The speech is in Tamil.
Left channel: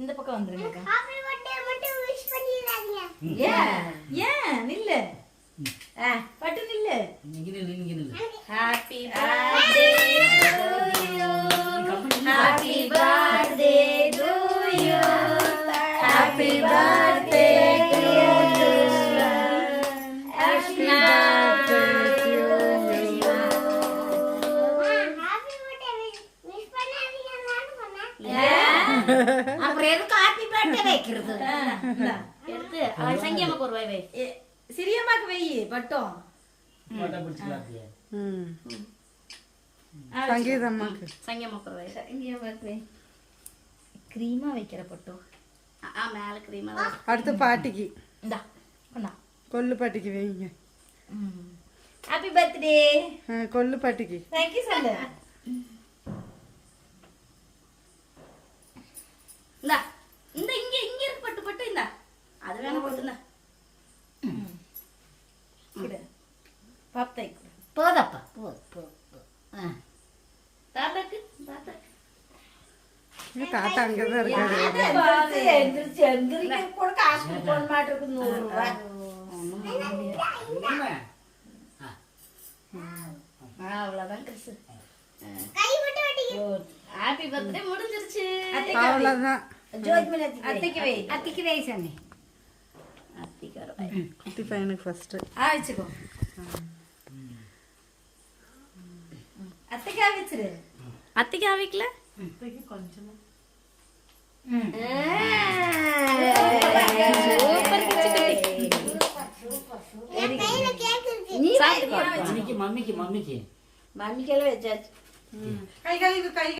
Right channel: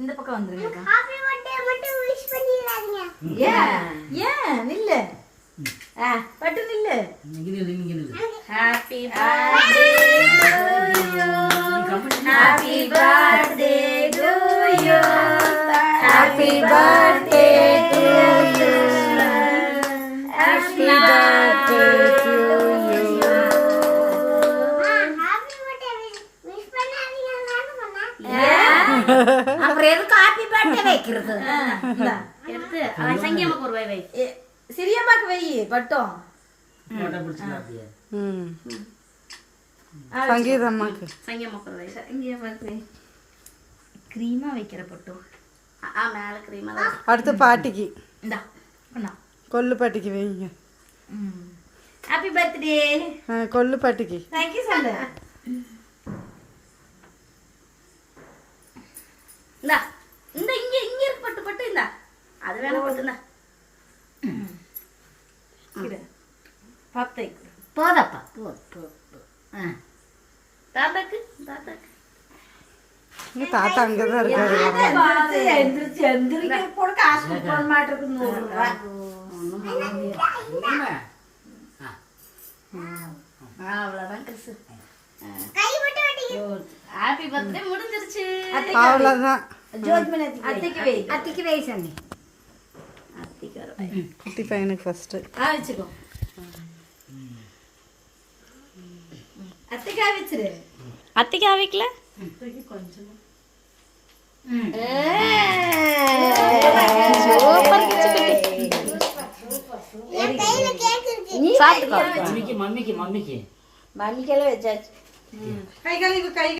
இந்த பக்கம் வந்துருங்க. ஹாப்பி பர்த்டே மட்டும் விஷ் பண்ணிராதீங்க. ஏன் நில்லு. பட்டு நில்லு. Happy birthday to you. Happy birthday to you. Happy birthday to you. Happy birthday to you. Happy birthday wish பண்ணாதீங்க நான் சொன்னேன். அப்புறம் எதுக்கு ஹாப்பி பர்த்டே வைக்கிறது? எடுத்து சங்கியம்மாக்கு ஒரு வை. சிறியம்மாக்கு வை பட்டம். சங்கீதம்மாக்கு சங்கியம்மாக்கு ஒரு வை. சங்கியம்மாக்கு வை. க்ரீமா வைக்கிற பட்டம். மேல க்ரீமா. அடுத்து பாட்டிக்கு. இந்தா கொண்டா. கொல்லு பாட்டிக்கு வைங்க. Happy birthday. கொல்லு பாட்டிக்கு. தேங்க்யூ சொல்லு. இந்தா இந்த இங்க இங்க இருக்கு பட்டு பட்டு. இந்தா அது வேணா பட்டுந்தா. பத்தை போதப்பா போ. தாத்தாக்கு தாத்தாக்கு. தாத்தா அங்கதான் இருக்காரு. அவ்வளவுதான் கிறிஸ். கை மட்டும் வெட்டிங்க. ஹாப்பி பர்த்டே முடிஞ்சிருச்சு. அவ்வளவுதான். அத்தைக்கு வை. அத்திக்கு வயசானே அத்தைக்கு வர வை. குட்டி பையனுக்கு ஃபர்ஸ்ட். வச்சுக்கோ. அத்தைக்காய் வச்சிரு. அத்தைக்காய் வைக்கல கொஞ்சம். சூப்பர் கிச்சு குட்டி. என் கையில கேக் இருக்கு. சாப்பிட்டுக்கோ. மம்மிக்கெல்லாம் வச்சாச்சு. கை கழுவி கை